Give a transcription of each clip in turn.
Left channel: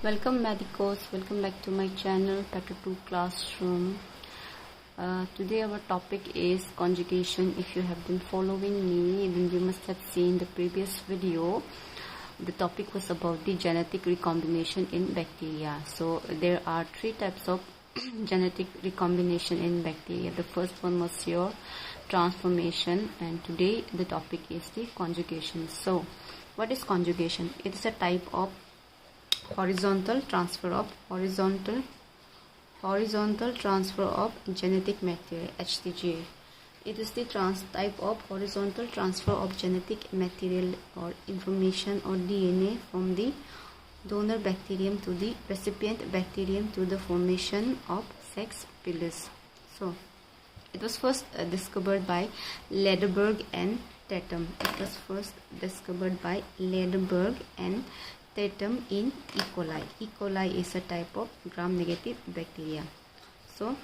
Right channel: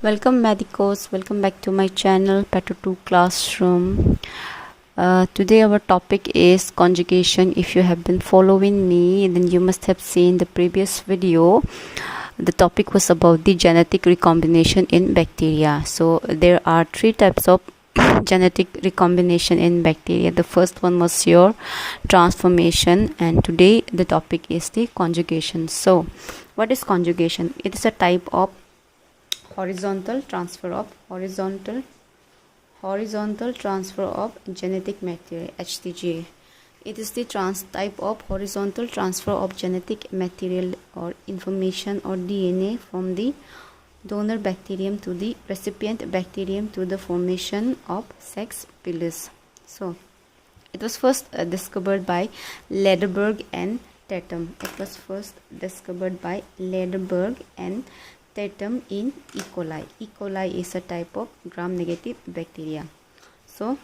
Welcome medicos, welcome back to my channel Petter 2 Classroom. Today our topic is conjugation. If you have been following me, then you must have seen the previous video. The topic was about the genetic recombination in bacteria. So there are three types of genetic recombination in bacteria. The first one was your transformation, and today the topic is the conjugation. So what is conjugation? It is a type of horizontal transfer of genetic material, HTG. It is the type of horizontal transfer of genetic material or information or DNA from the donor bacterium to the recipient bacterium to the formation of sex pilus. So it was first discovered by Lederberg and Tatum. It was first discovered by Lederberg and Tatum in E. coli. E. coli is a type of gram-negative bacteria. So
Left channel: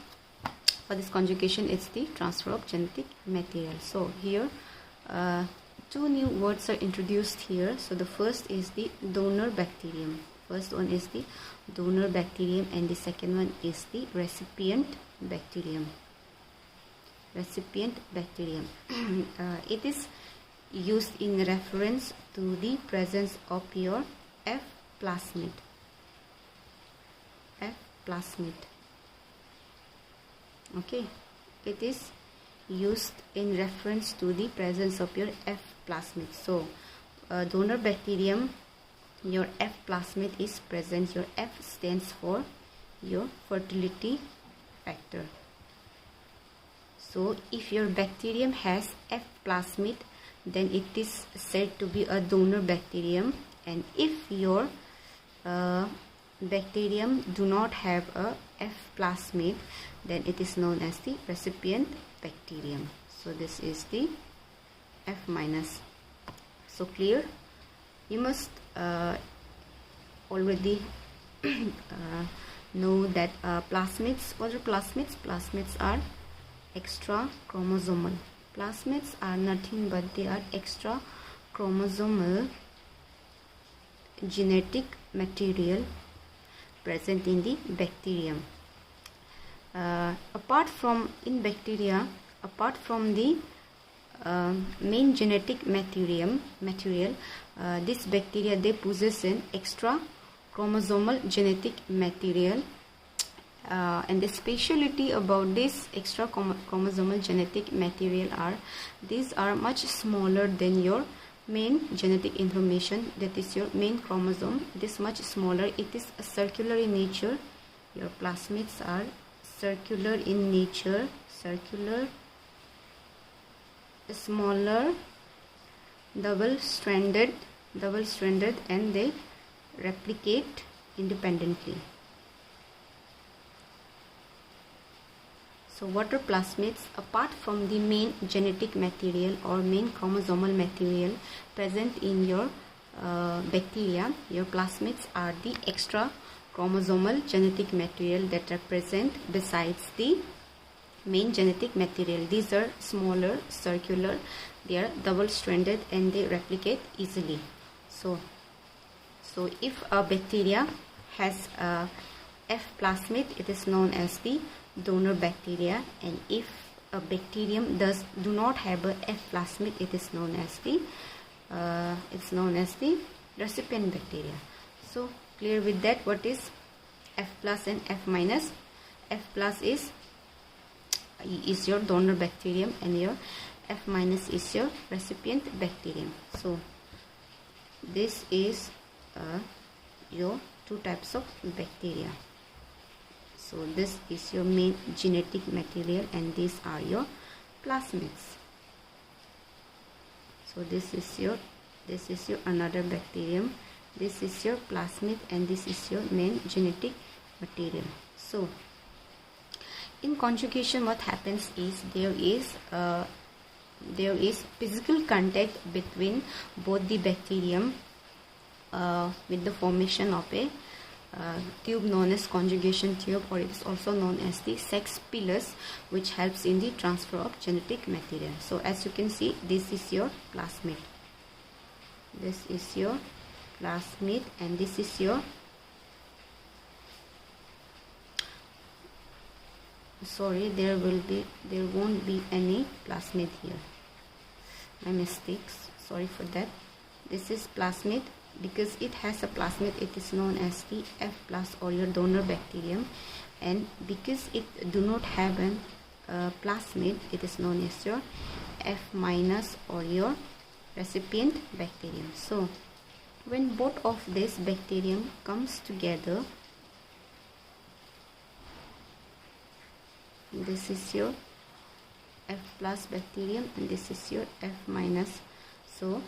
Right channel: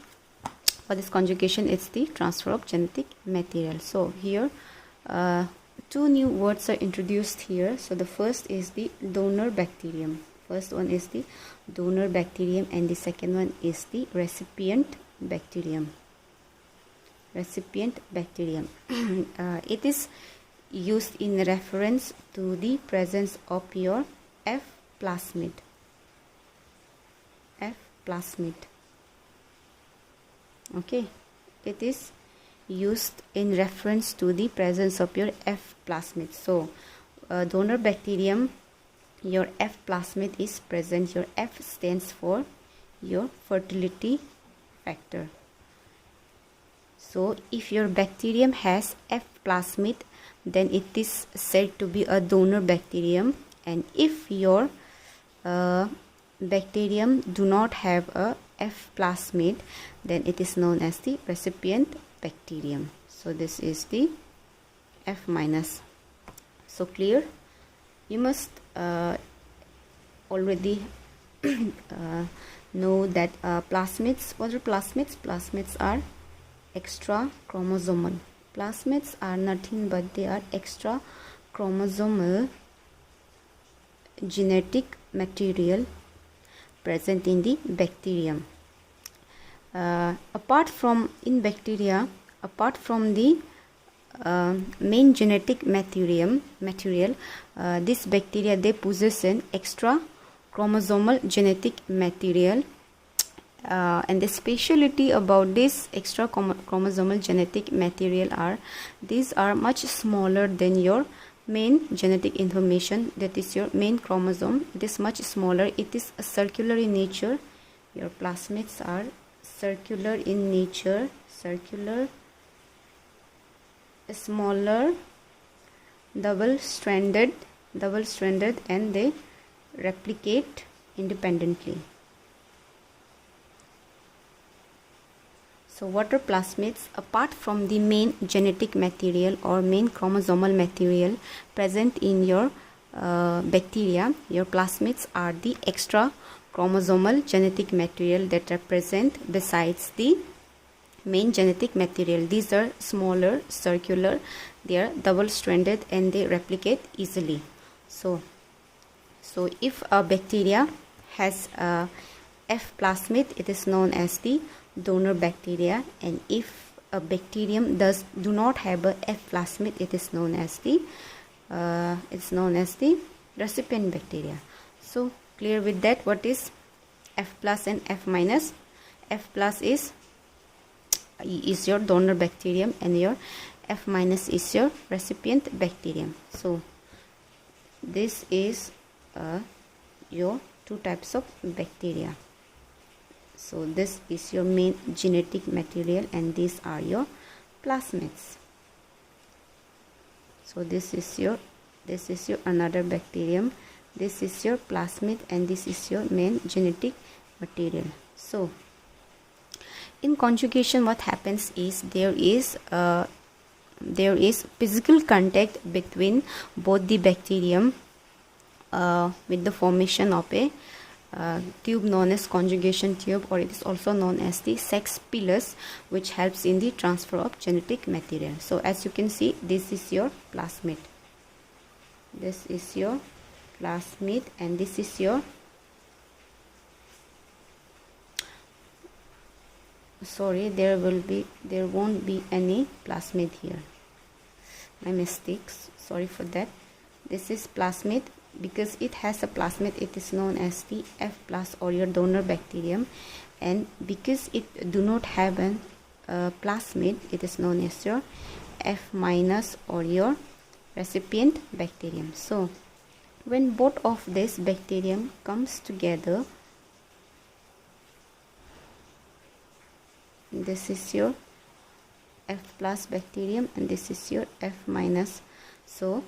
for this conjugation, it's the transfer of genetic material. So here two new words are introduced here. So the first is the donor bacterium. First one is the donor bacterium, and the second one is the recipient bacterium. Recipient bacterium. It is used in reference to the presence of your F plasmid. Okay, it is used in reference to the presence of your F plasmid. So donor bacterium, your F plasmid is present. Your F stands for your fertility factor. So if your bacterium has F plasmid, then it is said to be a donor bacterium. And if your bacterium do not have a F plasmid, then it is known as the recipient bacterium. So this is the F minus. So clear? You must already know that plasmids. What are plasmids? Plasmids are extra chromosomal. Plasmids are nothing but they are extra chromosomal genetic material present in the bacterium. Apart from the main genetic material, this bacteria, they possess an extra chromosomal genetic material, and the speciality about this extra chromosomal genetic material are these are much smaller than your main genetic information, that is your main chromosome. It is much smaller. It is circular in nature. Your plasmids are circular in nature, smaller, double-stranded, and they replicate independently. So what are plasmids? Apart from the main genetic material or main chromosomal material present in your bacteria, your plasmids are the extra chromosomal genetic material that are present besides the main genetic material. These are smaller, circular, they are double-stranded, and they replicate easily. So if a bacteria has a F plasmid, it is known as the donor bacteria, and if a bacterium do not have a F plasmid, it is known as the recipient bacteria. So clear with that? What is F plus and F minus? F plus is your donor bacterium, and your F minus is your recipient bacterium. So this is your two types of bacteria. So this is your main genetic material, and these are your plasmids. So this is your another bacterium. This is your plasmid, and this is your main genetic material. So in conjugation, what happens is there is physical contact between both the bacterium with the formation of a tube known as conjugation tube, or it is also known as the sex pilus, which helps in the transfer of genetic material. So as you can see, this is your plasmid. And this is your sorry, there won't be any plasmid here. My mistakes, sorry for that. This is plasmid. Because it has a plasmid, it is known as the F plus or your donor bacterium, and because it do not have an plasmid, it is known as your F minus or your recipient bacterium. So when both of this bacterium comes together, this is your F plus bacterium and this is your F minus. So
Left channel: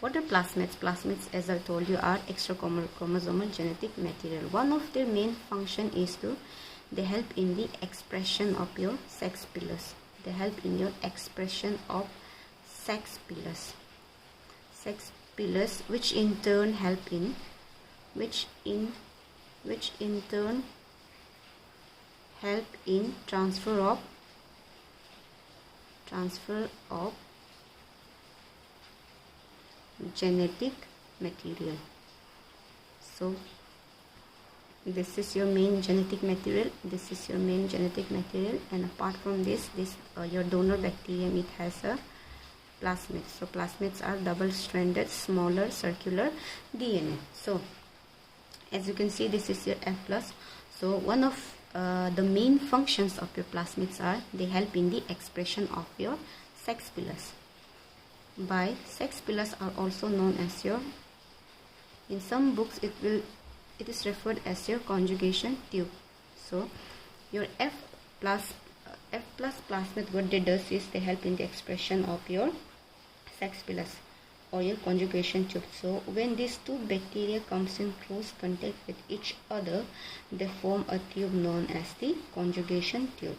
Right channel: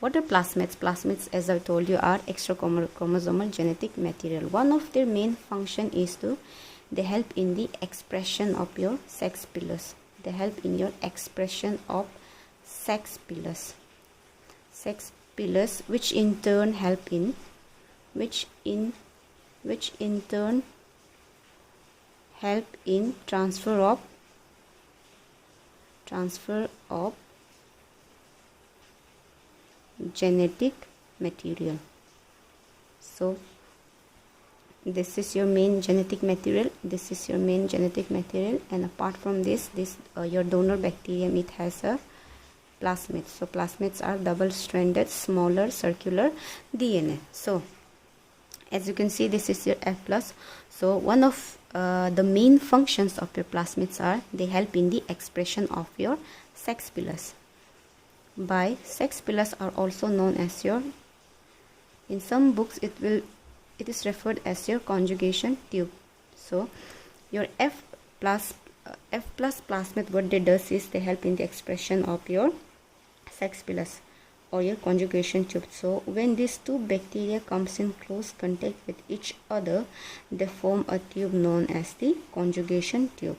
what are plasmids? Plasmids, as I told you, are extra chromosomal genetic material. One of their main function is they help in the expression of your sex pillars. They help in your expression of sex pillars. Sex pillars, which in turn help in, which in turn help in transfer of genetic material. So this is your main genetic material, this is your main genetic material, and apart from this your donor bacterium, it has a plasmid. So plasmids are double-stranded smaller circular DNA. So as you can see, this is your F plus. So one of the main functions of your plasmids are they help in the expression of your sex pillars. By sex pillars are also known as your, in some books it is referred as your conjugation tube. So your F plus plasmid, what they does is they help in the expression of your sex pillars or your conjugation tube. So when these two bacteria comes in close contact with each other, they form a tube known as the conjugation tube.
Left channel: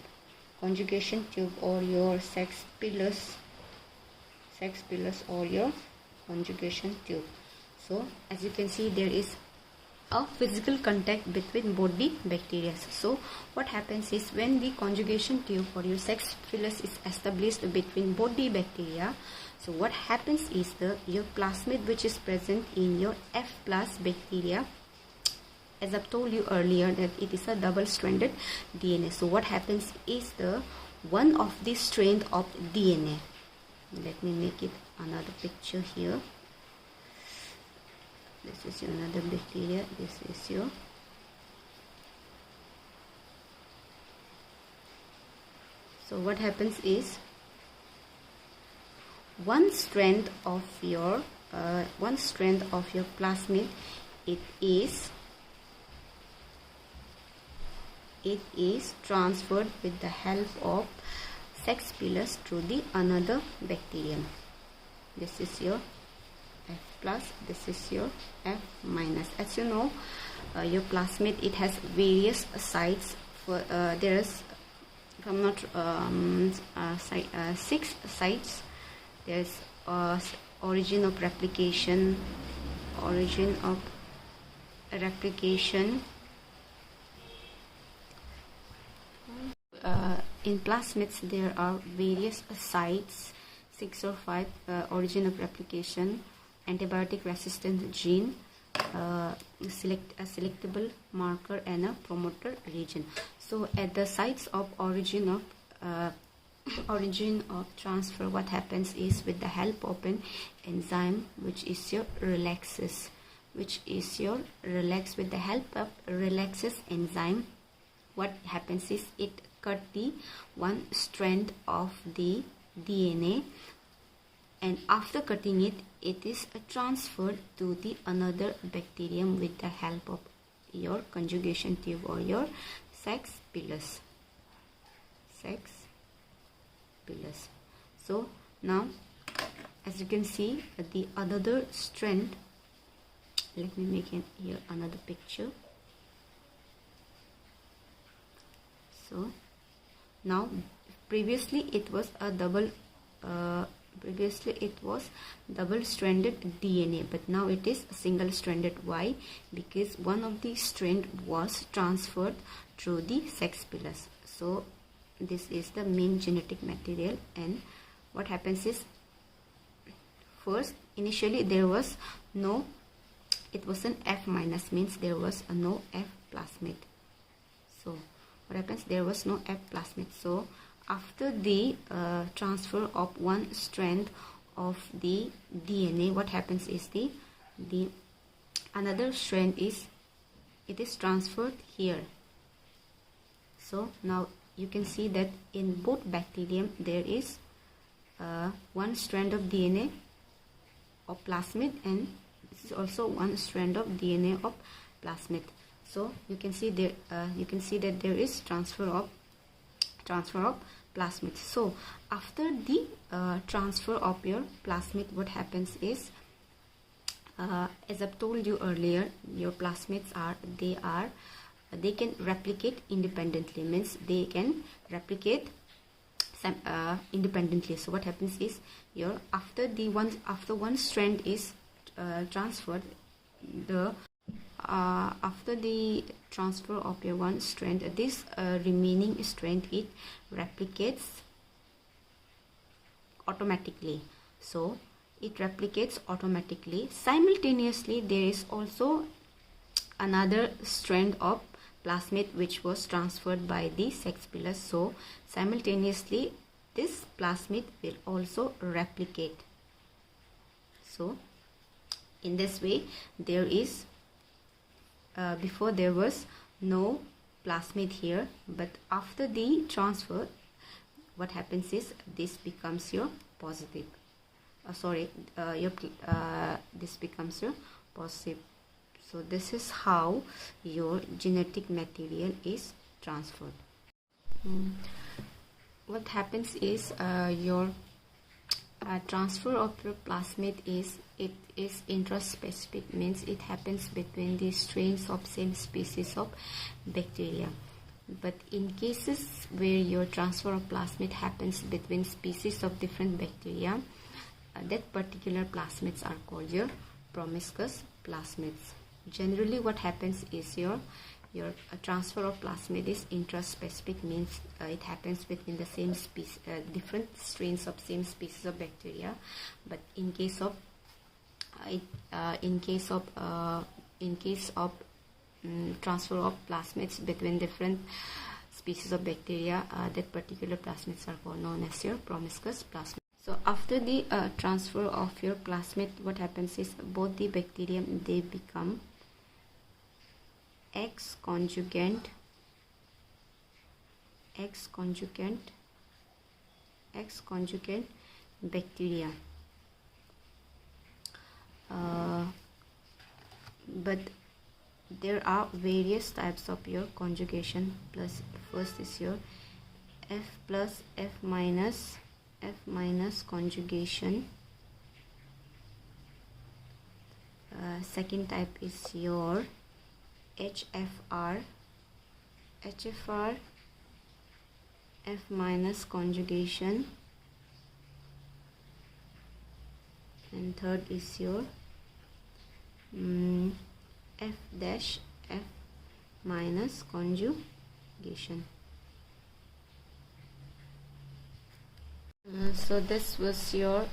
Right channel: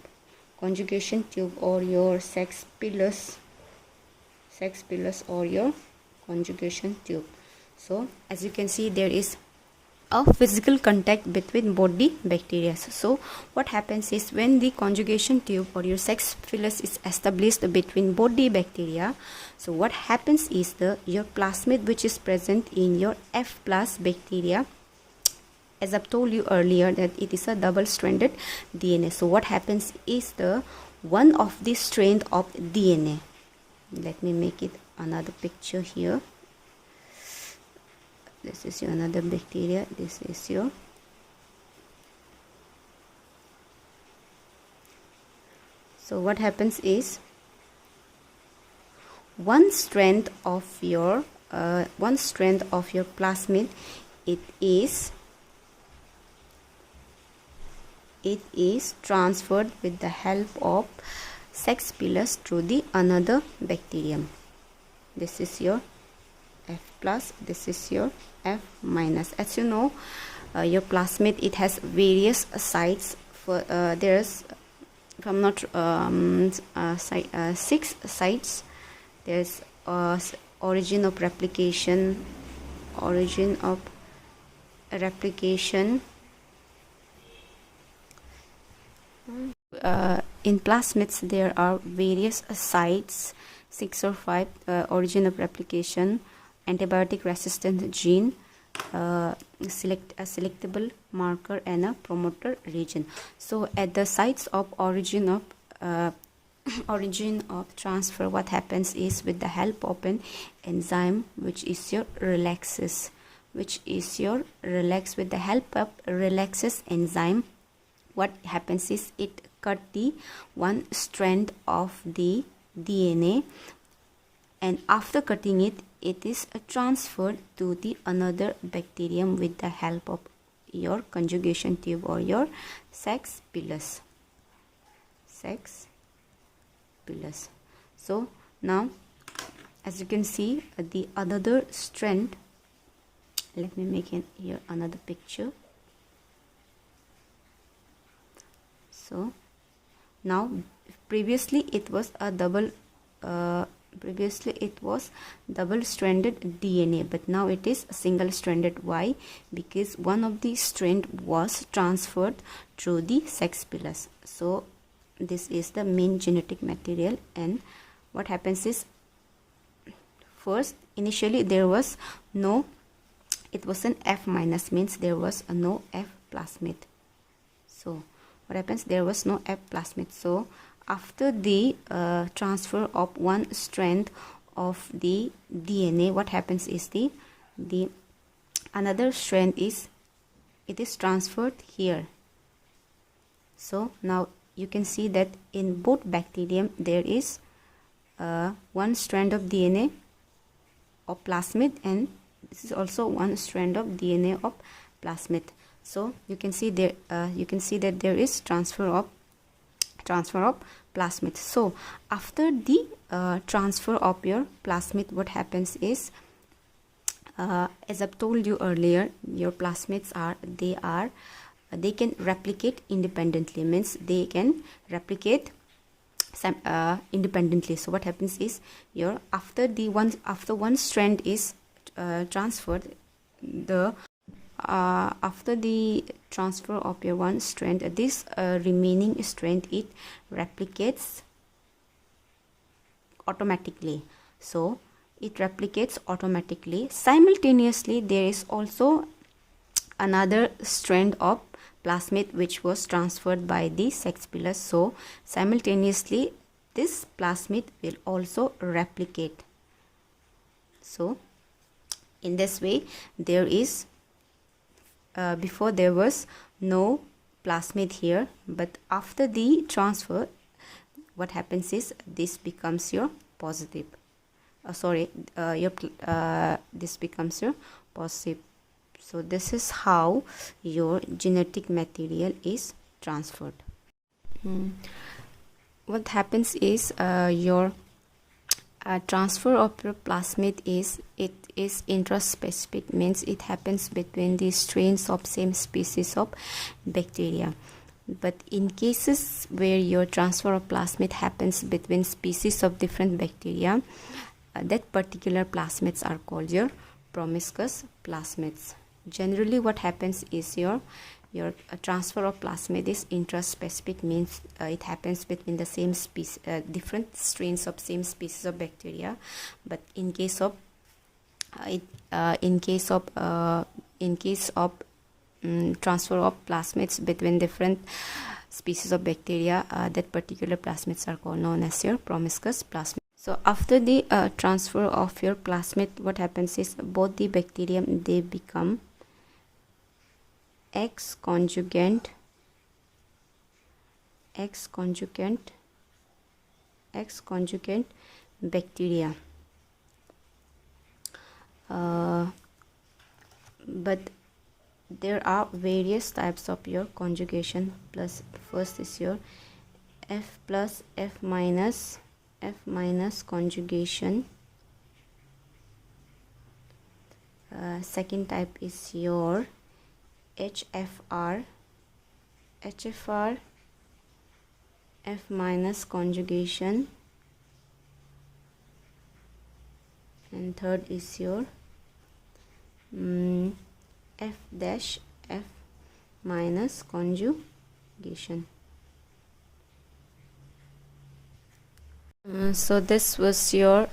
Conjugation tube or your sex pillars or your conjugation tube. So as you can see, there is a physical contact between both the bacteria. So what happens is when the conjugation tube or your sex pillars is established between both the bacteria, so what happens is your plasmid, which is present in your F plus bacteria, as I've told you earlier that it is a double-stranded DNA. So what happens is one of the strand of DNA, let me make it another picture here. This is your another bacteria, this is your, so what happens is one strand of your plasmid, it is transferred with the help of sex pillars to the another bacterium. This is your F plus, this is your F minus. As you know, your plasmid, it has various sites. For there's, if I'm not 6 sites. There's origin of replication, in plasmids there are various sites, 6 or 5, origin of replication, antibiotic resistant gene, a selectable marker, and a promoter region. So at the sites of origin of transfer, what happens is with the help of an enzyme which is your relaxase, with the help of relaxase enzyme, what happens is it cut the one strand of the DNA, and after cutting it, it is transferred to the another bacterium with the help of your conjugation tube or your sex pillars. So now as you can see, the another strand, let me make it here another picture. So now previously it was a double-stranded DNA, but now it is single-stranded. Why? Because one of the strand was transferred through the sex pillars. So this is the main genetic material, and what happens is first initially there was no, it was an F minus, means there was no F plasmid. So what happens, there was no F plasmid. So after the transfer of one strand of the DNA, what happens is the another strand is transferred here. So now you can see that in both bacterium there is one strand of DNA of plasmid, and this is also one strand of DNA of plasmid. So you can see there that there is transfer of plasmid. So after the transfer of your plasmid, what happens is, as I've told you earlier, your plasmids they can replicate independently, means they can replicate independently. So what happens is, after one strand is transferred, after the transfer of your one strand, this remaining strand, it replicates automatically. So it replicates automatically. Simultaneously, there is also another strand of plasmid which was transferred by the sex pillar. So simultaneously this plasmid will also replicate. So in this way, there is before there was no plasmid here, but after the transfer, what happens is this becomes your positive. This becomes your positive. So this is how your genetic material is transferred. What happens is, your transfer of your plasmid is intraspecific, means it happens between the strains of same species of bacteria. But in cases where your transfer of plasmid happens between species of different bacteria, that particular plasmids are called your promiscuous plasmids. Generally what happens is, your transfer of plasmid is intraspecific, means it happens between the same species, different strains of same species of bacteria. But in case of transfer of plasmids between different species of bacteria, that particular plasmids are known as your promiscuous plasmid. So after the transfer of your plasmid, what happens is, both the bacterium, they become X conjugate bacteria. But there are various types of your conjugation. Plus, first is your F plus F minus conjugation. Second type is your HFR F minus conjugation, and third is your F dash F minus conjugation. So this was your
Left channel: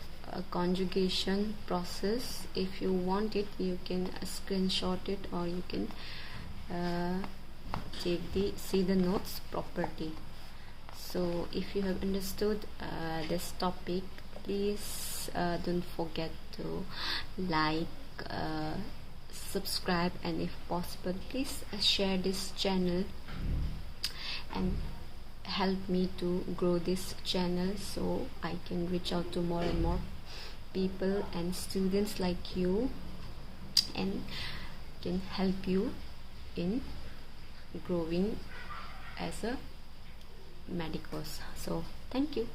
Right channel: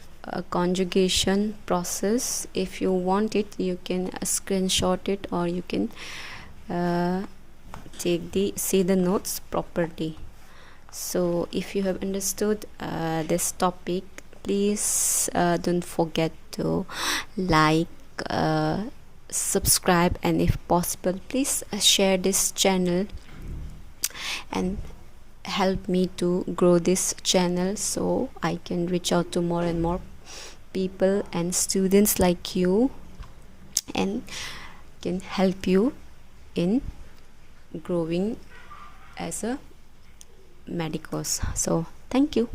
conjugation process. If you want it, you can screenshot it, or you can see the notes properly. So if you have understood this topic, please don't forget to like, subscribe, and if possible, please share this channel and help me to grow this channel, so I can reach out to more and more people and students like you, and can help you in growing as a medicos. So thank you.